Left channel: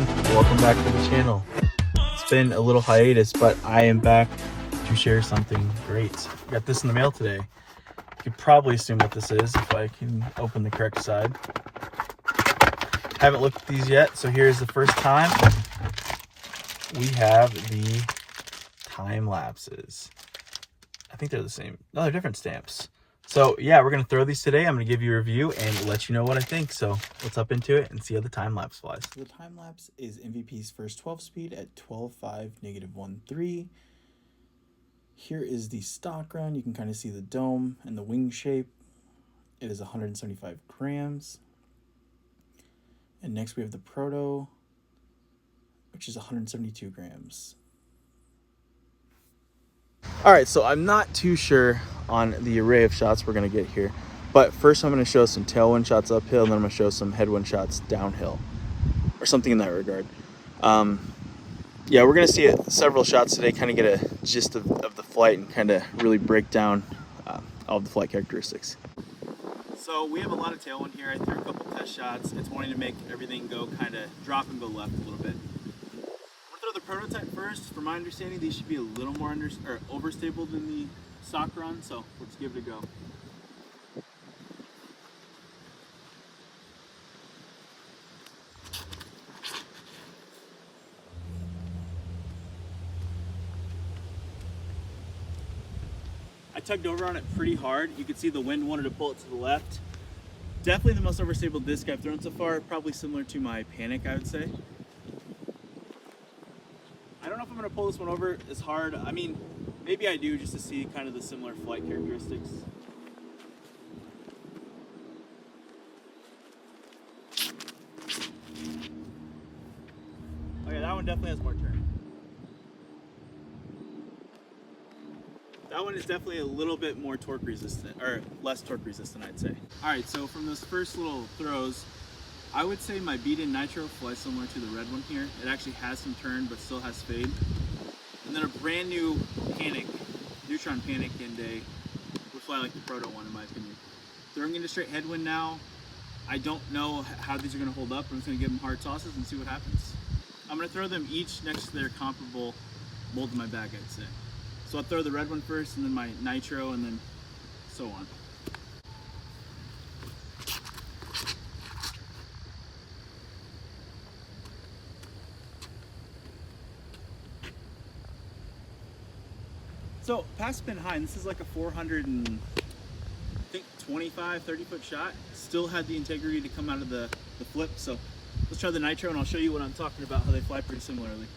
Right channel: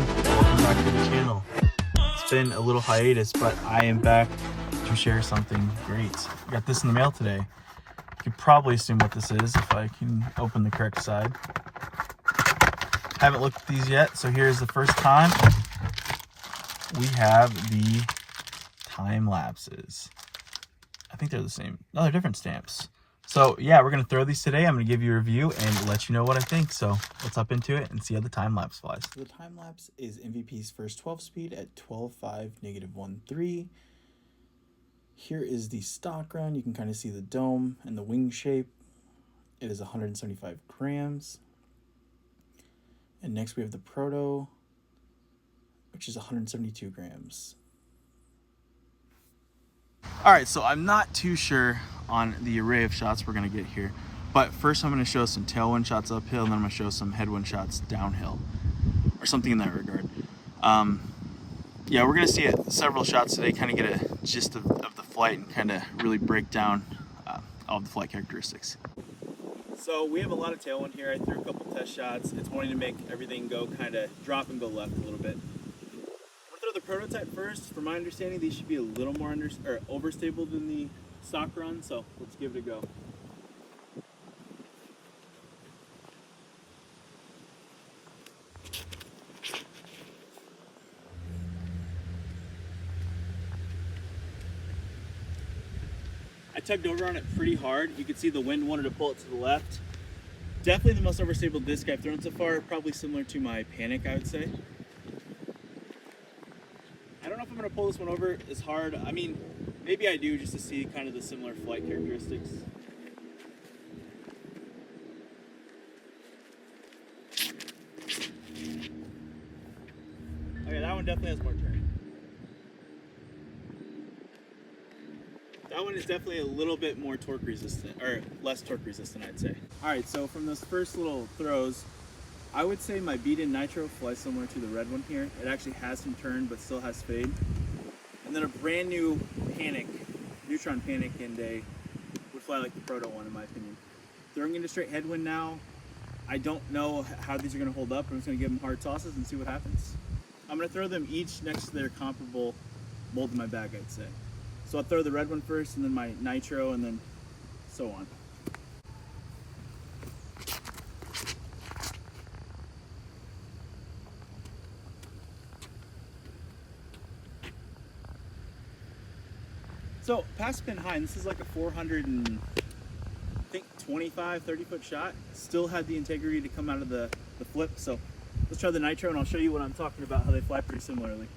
everyone, welcome back to the channel. It's been a little hiatus, but I am back to share something great. Got this in the mail today. You could probably assume what this is if I can open the correct side. Haven't looked at these yet, so here's the first time. We have the time lapses. I think they're the same. No, they're different stamps. So yeah, we're gonna throw these today. I'm gonna give you a review and let you know what I think. So let's up into it and see how the time lapse flies. The time lapse is MVP's first 12 speed at 12.5 -1.3. Here is the stock run. You can kind of see the dome and the wing shape. It is 175 grams. And next we have the proto, which is 172 grams. All right, so I'm not too sure on the array of shots we're gonna get here, but first I'm gonna show some tailwind shots uphill, and then I'm gonna show some headwind shots downhill, or something in that regard. Yeah, we're gonna see several shots today, kind of get a gist of the flight and kind of really break down all of the flight characteristics. So we have a lot of tailwind here. I threw a couple test shots. It's wanting to make everything go kind of drop and go left a little bit. The prototype first. From my understanding, these should be a little more overstable than the stock run, so let's give it a go. I tugged over on it pretty hard. You could see the wind wanted to pull it to the left. Definitely the most overstable disc I've thrown so far, probably similar to my Panic, I would say. I don't know if I'm going to pull this one over as hard. I mean, maybe I do, just to see kind of the similar flight characteristics. Okay, that one definitely has more turn. That one is definitely a little bit more torque resistant, or less torque resistant, I'd say. All right, so from those first little throws, I would say my beat-in nitro flies similar to the red one here. It actually has some turn, but still has fade. And then a brand new Panic, Neutron Panic and a would fly like the proto one, in my opinion. Throwing into straight headwind now, I don't know how these are gonna hold up. I'm just gonna give them hard tosses and see what happens. I'm gonna throw them each next to their comparable mold in my bag, I'd say. So I'll throw the red one first, and then my nitro, and then so on. So past pin high, and this is like a 400 and I think 25, 30 foot shot. Still had the integrity to come out of the flip. So let's try the nitro, and I'll show you what I'm talking about, how they fly pretty similarly.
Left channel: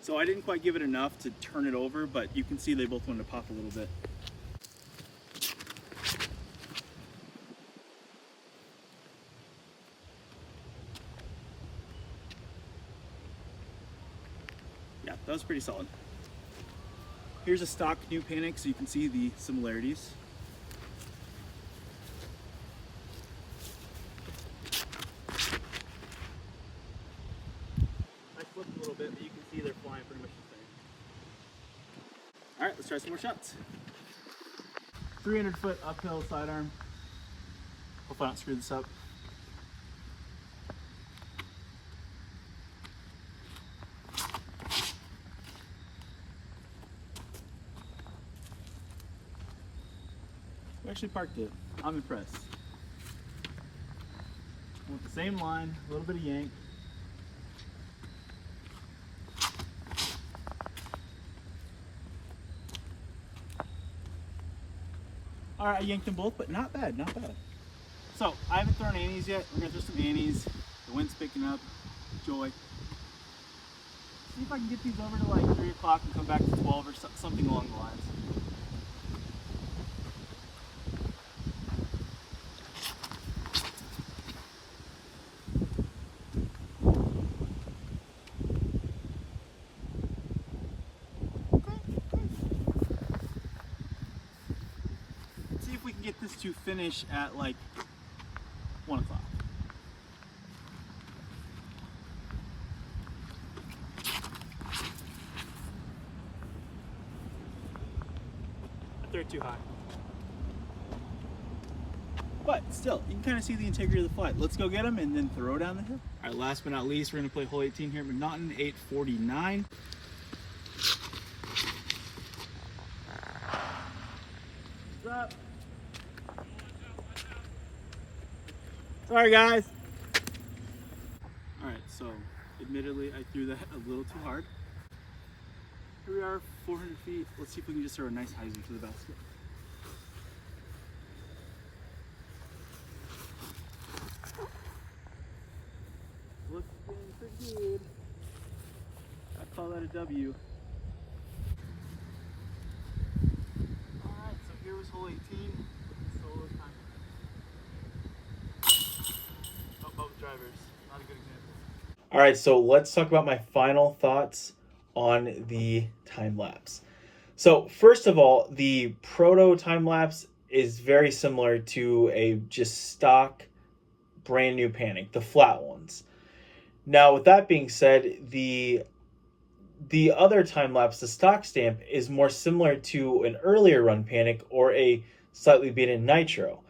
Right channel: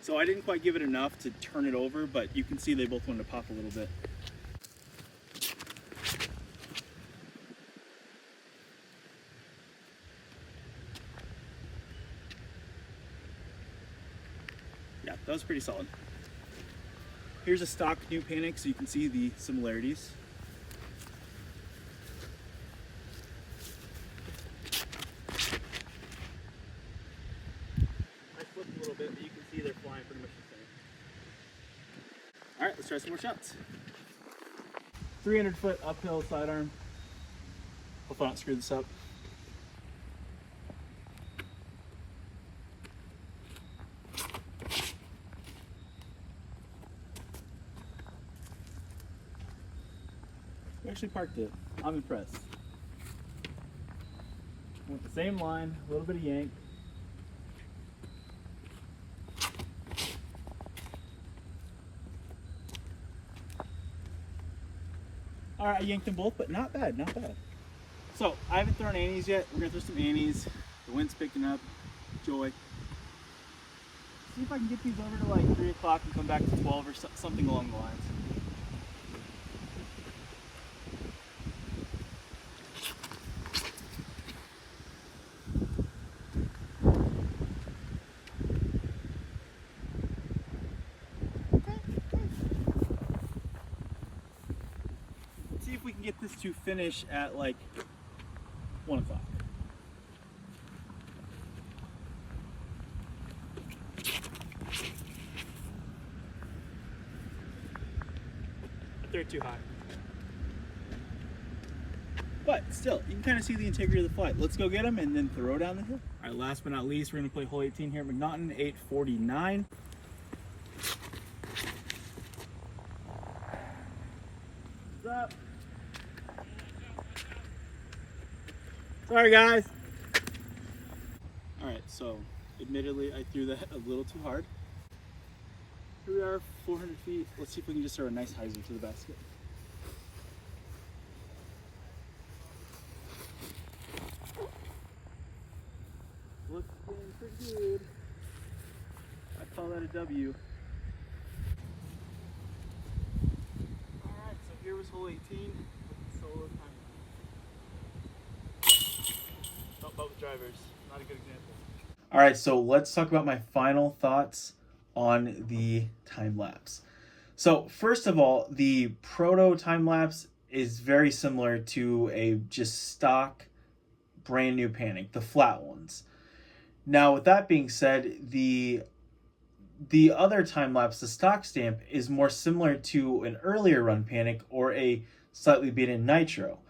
So I didn't quite give it enough to turn it over, but you can see they both wanted to pop a little bit. Yeah, that was pretty solid. Here's a stock new Panic, so you can see the similarities. I flipped a little bit, but you can see they're flying pretty much the same. All right, let's try some more shots. 300 foot uphill sidearm. Hopefully I don't screw this up. We actually parked it. I'm impressed. With the same line, a little bit of yank. All right, I yanked them both, but not bad, not bad. So I haven't thrown annies yet. We're gonna throw some annies. The wind's picking up. Joy. See if I can get these over to like 3 o'clock and come back to 12 or something along the lines. See if we can get this to finish at like 1 o'clock. they're too high. But still, you can kind of see the integrity of the flight. Let's go get them and then throw down the hill. All right, last but not least, we're going to play hole 18 here at McNaughton, 849. What's up? Sorry, guys. All right, so admittedly, I threw that a little too hard. Here we are, 400 feet. Let's see if we can just throw a nice hyzer to the basket. Looking pretty good. I call that a W. Alright, so here was hole 18 with the solo time. Oh, but with drivers. Not a good example. Alright, so let's talk about my final thoughts on the time lapse. So first of all, the proto time lapse is very similar to a just stock brand new panic, the flat ones. Now, with that being said, the other time lapse, the stock stamp, is more similar to an earlier run panic or a slightly beaten nitro,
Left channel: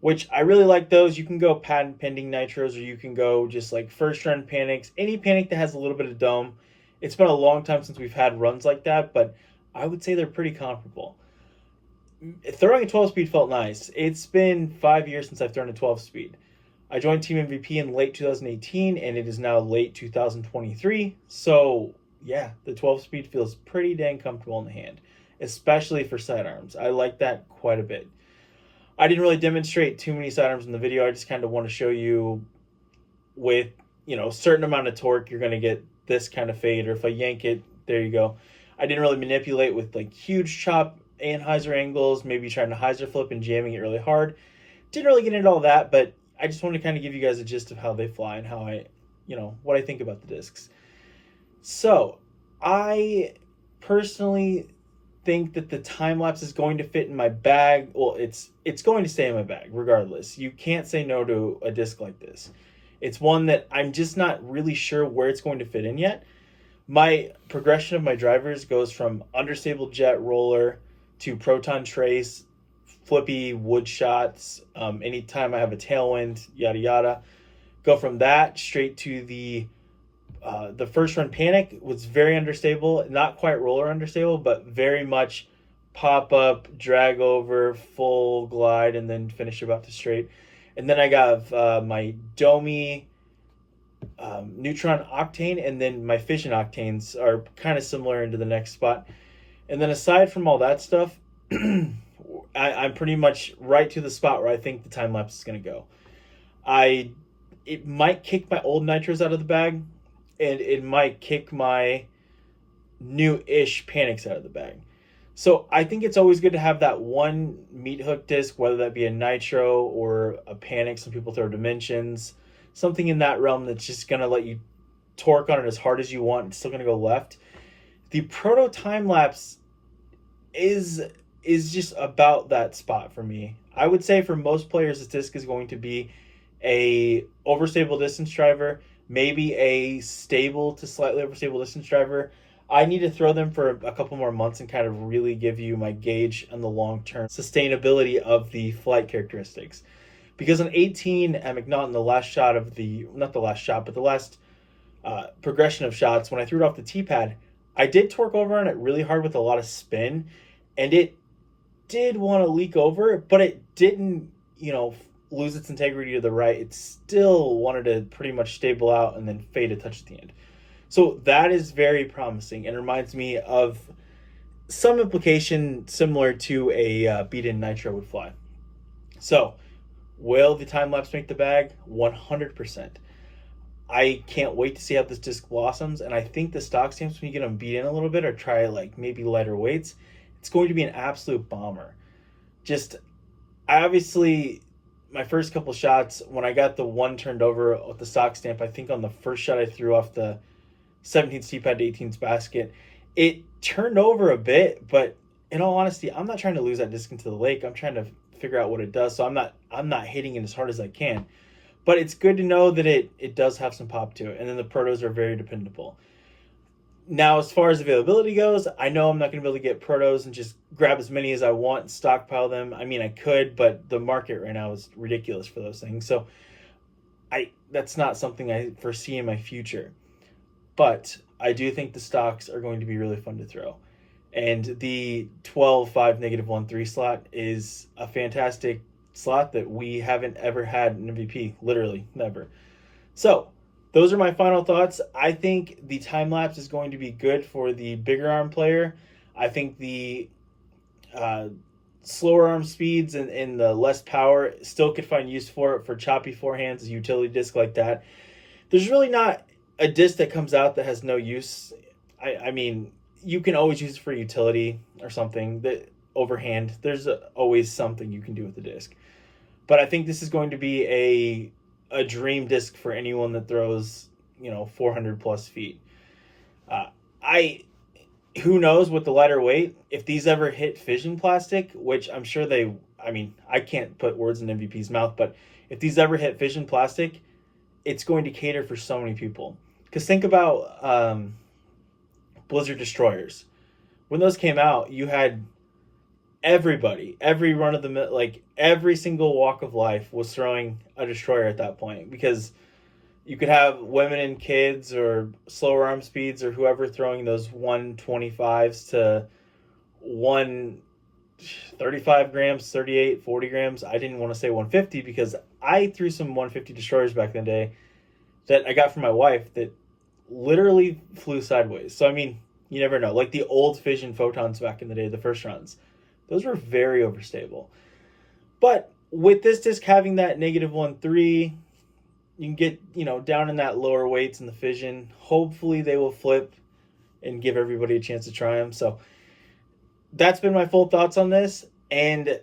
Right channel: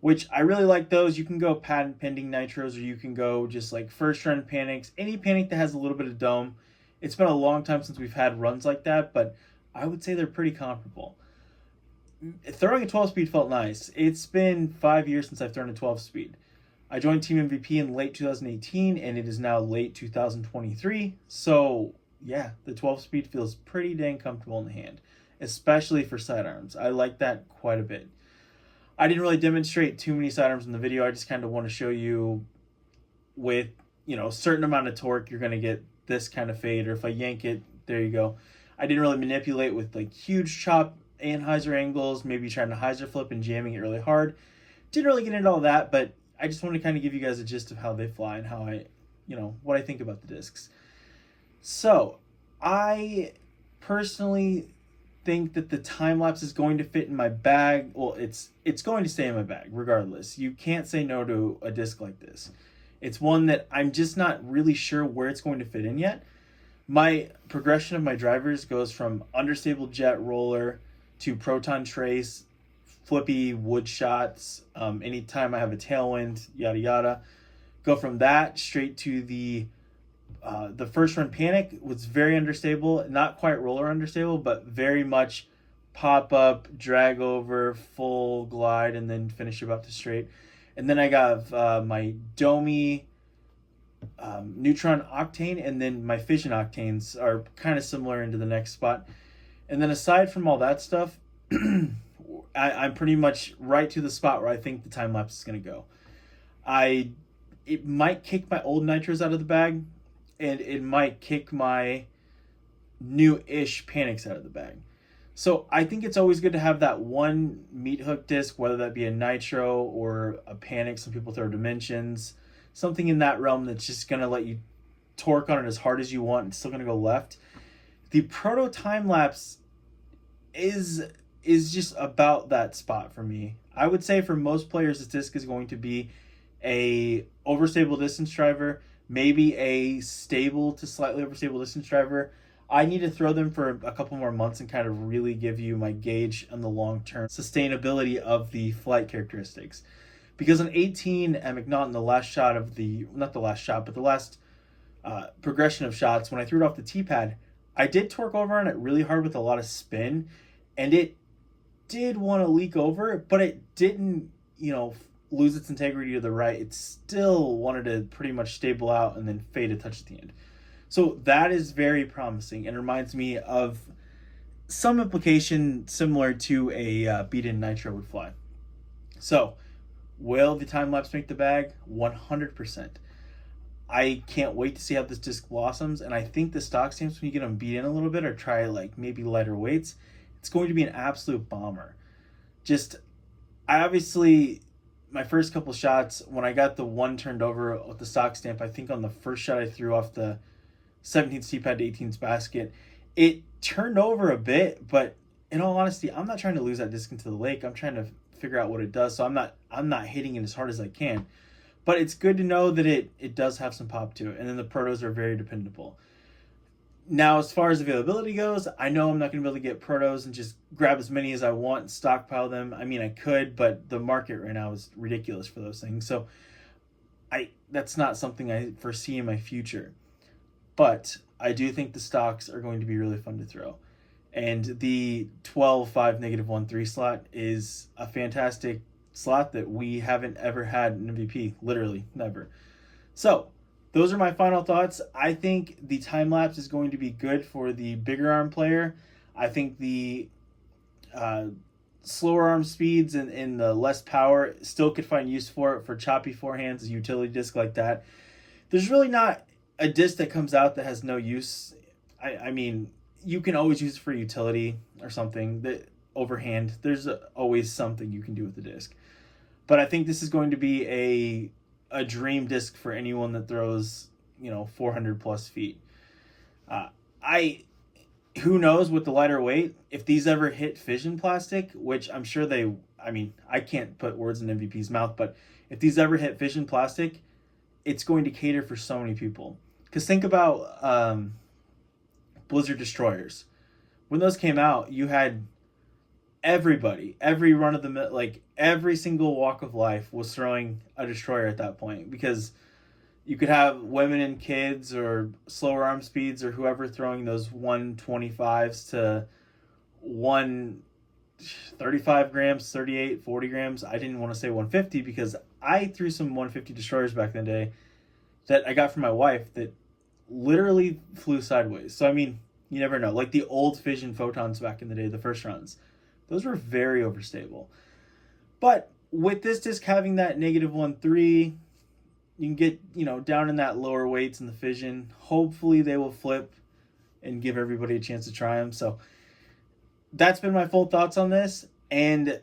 which I really like those. You can go patent pending nitros, or you can go just like first run panics, any panic that has a little bit of dome. It's been a long time since we've had runs like that, but I would say they're pretty comparable. Throwing a 12 speed felt nice. It's been 5 years since I've thrown a 12 speed. I joined Team MVP in late 2018, and it is now late 2023. So yeah, the 12 speed feels pretty dang comfortable in the hand, especially for sidearms. I like that quite a bit. I didn't really demonstrate too many sidearms in the video. I just kind of want to show you with, a certain amount of torque, you're going to get this kind of fade, or if I yank it, there you go. I didn't really manipulate with like huge chop and hyzer angles, maybe trying to hyzer flip and jamming it really hard. Didn't really get into all that, but I just want to kind of give you guys a gist of how they fly and how I, what I think about the discs. So I personally think that the time lapse is going to fit in my bag. Well, it's going to stay in my bag regardless. You can't say no to a disc like this. It's one that I'm just not really sure where it's going to fit in yet. My progression of my drivers goes from understable jet roller to proton trace, flippy wood shots, anytime I have a tailwind, yada yada. Go from that straight to the first run panic was very understable, not quite roller understable, but very much pop up, drag over, full glide, and then finish about to straight. And then I got my Domi neutron octane, and then my fission octanes are kind of similar into the next spot. And then aside from all that stuff, I'm pretty much right to the spot where I think the time lapse is going to go. It might kick my old nitros out of the bag, and it might kick my new-ish panics out of the bag. So I think it's always good to have that one meat hook disc, whether that be a nitro or a panic. Some people throw dimensions, something in that realm that's just going to let you torque on it as hard as you want. It's still going to go left. The proto time lapse is just about that spot for me. I would say for most players, this disc is going to be a overstable distance driver, maybe a stable to slightly overstable distance driver. I need to throw them for a couple more months and kind of really give you my gauge on the long-term sustainability of the flight characteristics. Because on 18 at McNaughton, the last shot of not the last shot, but the last progression of shots, when I threw it off the T-pad, I did torque over on it really hard with a lot of spin, and it did want to leak over, but it didn't, lose its integrity to the right. It still wanted to pretty much stable out and then fade a touch at the end. So that is very promising and reminds me of some implication similar to a beat-in nitro would fly. So will the time lapse make the bag? 100%. I can't wait to see how this disc blossoms, and I think the stock stamps, when you get them beat in a little bit or try like maybe lighter weights, it's going to be an absolute bomber. My first couple shots, when I got the one turned over with the stock stamp, I think on the first shot I threw off the 17th T-pad to 18th basket, it turned over a bit, but in all honesty, I'm not trying to lose that disc into the lake. I'm trying to figure out what it does, so I'm not hitting it as hard as I can. But it's good to know that it does have some pop to it, and then the protos are very dependable. Now, as far as availability goes, I know I'm not going to be able to get protos and just grab as many as I want and stockpile them. I mean, I could, but the market right now is ridiculous for those things. So that's not something I foresee in my future. But I do think the stocks are going to be really fun to throw. And the 12-5 -1-3 slot is a fantastic slot that we haven't ever had an MVP, literally never. So those are my final thoughts. I think the time lapse is going to be good for the bigger arm player. I think the slower arm speeds and the less power still could find use for it for choppy forehands, a utility disc like that. There's really not a disc that comes out that has no use. I mean, you can always use it for utility or something that overhand. There's always something you can do with the disc. But I think this is going to be a dream disc for anyone that throws 400 plus feet. I Who knows with the lighter weight if these ever hit fission plastic, which I'm sure they. I mean, I can't put words in MVP's mouth, but if these ever hit fission plastic, it's going to cater for so many people. Because think about Blizzard Destroyers. When those came out, you had everybody, every run of the like every single walk of life was throwing a destroyer at that point, because you could have women and kids or slower arm speeds or whoever throwing those 125s to 135 grams, 38, 40 grams. I didn't want to say 150 because I threw some 150 destroyers back in the day that I got from my wife that literally flew sideways. So I mean, you never know. Like the old fission photons back in the day, the first runs, those were very overstable. But with this disc having that -1-3, you can get down in that lower weights in the fission. Hopefully they will flip and give everybody a chance to try them. So that's been my full thoughts on this. And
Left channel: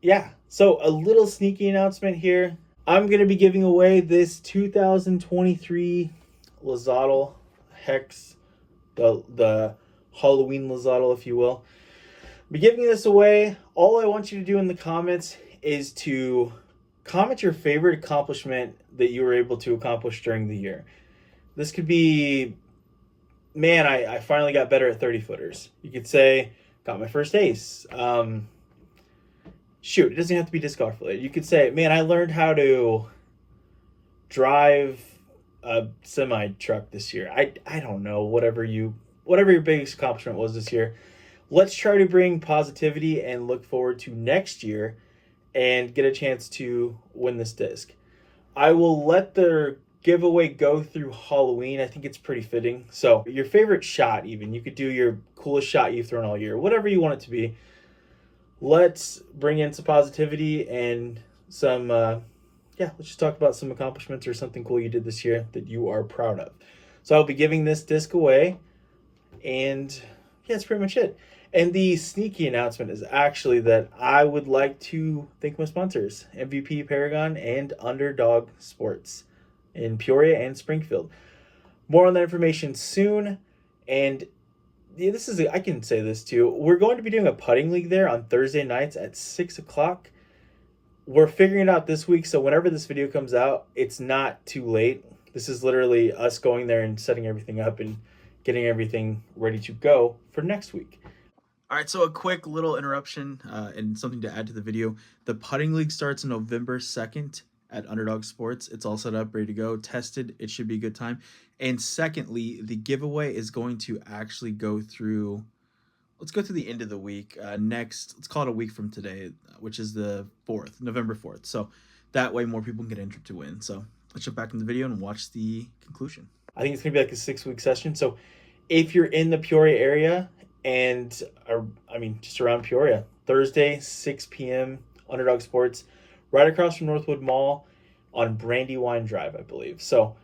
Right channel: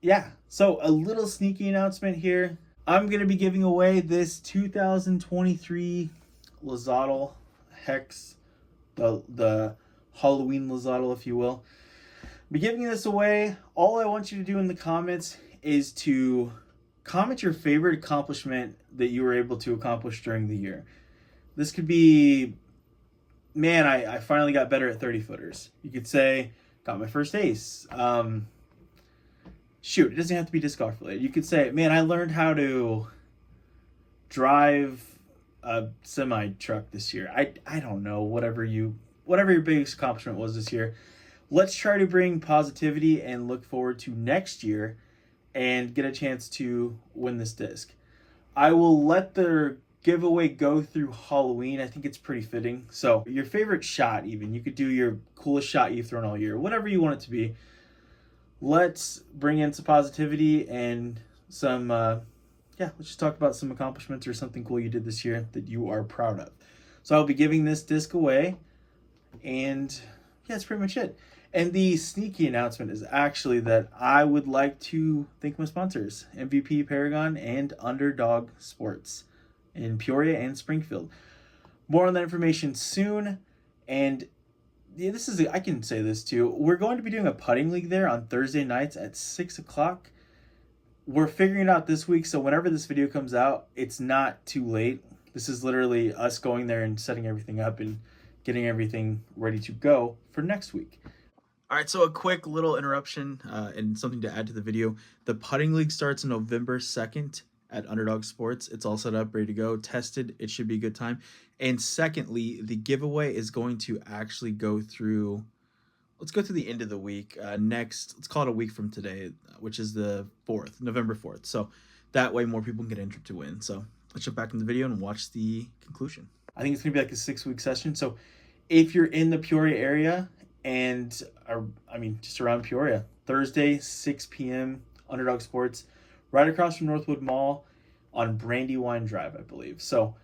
yeah, so a little sneaky announcement here. I'm going to be giving away this 2023 Lazadal Hex, the Halloween Lazadal, if you will. I'll be giving this away. All I want you to do in the comments is to comment your favorite accomplishment that you were able to accomplish during the year. This could be, man, I finally got better at 30 footers. You could say, got my first ace. Shoot, it doesn't have to be disc golf related. You could say, man, I learned how to drive a semi truck this year. I don't know, whatever your biggest accomplishment was this year. Let's try to bring positivity and look forward to next year and get a chance to win this disc. I will let the giveaway go through Halloween. I think it's pretty fitting. So your favorite shot, even, you could do your coolest shot you've thrown all year, whatever you want it to be. Let's bring in some positivity and some, let's just talk about some accomplishments or something cool you did this year that you are proud of. So I'll be giving this disc away, and yeah, that's pretty much it. And the sneaky announcement is actually that I would like to thank my sponsors, MVP Paragon and Underdog Sports in Peoria and Springfield. More on that information soon. And yeah, I can say this too. We're going to be doing a putting league there on Thursday nights at 6 o'clock. We're figuring it out this week, so whenever this video comes out, it's not too late. This is literally us going there and setting everything up and getting everything ready to go for next week. All right, so a quick little interruption and something to add to the video. The putting league starts November 2nd at Underdog Sports. It's all set up, ready to go, tested. It should be a good time. And secondly, the giveaway is going to actually go through, let's go through the end of the week. Let's call it a week from today, which is the 4th, November 4th. So that way more people can get entered to win. So let's jump back in the video and watch the conclusion. I think it's going to be like a 6-week session. So if you're in the Peoria area and just around Peoria, Thursday, 6 p.m., Underdog Sports, right across from Northwood Mall on Brandywine Drive, I believe. So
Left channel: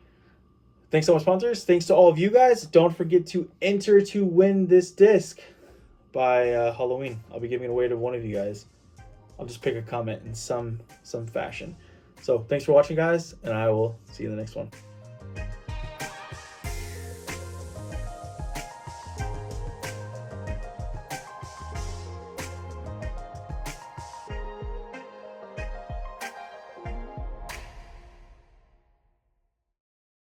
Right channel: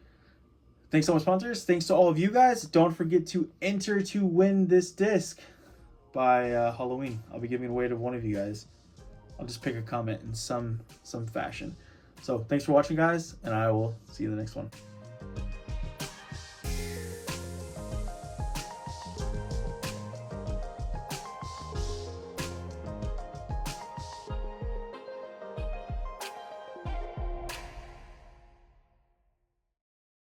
thanks to all my sponsors. Thanks to all of you guys. Don't forget to enter to win this disc by Halloween. I'll be giving it away to one of you guys. I'll just pick a comment in some fashion. So thanks for watching, guys, and I will see you in the next one.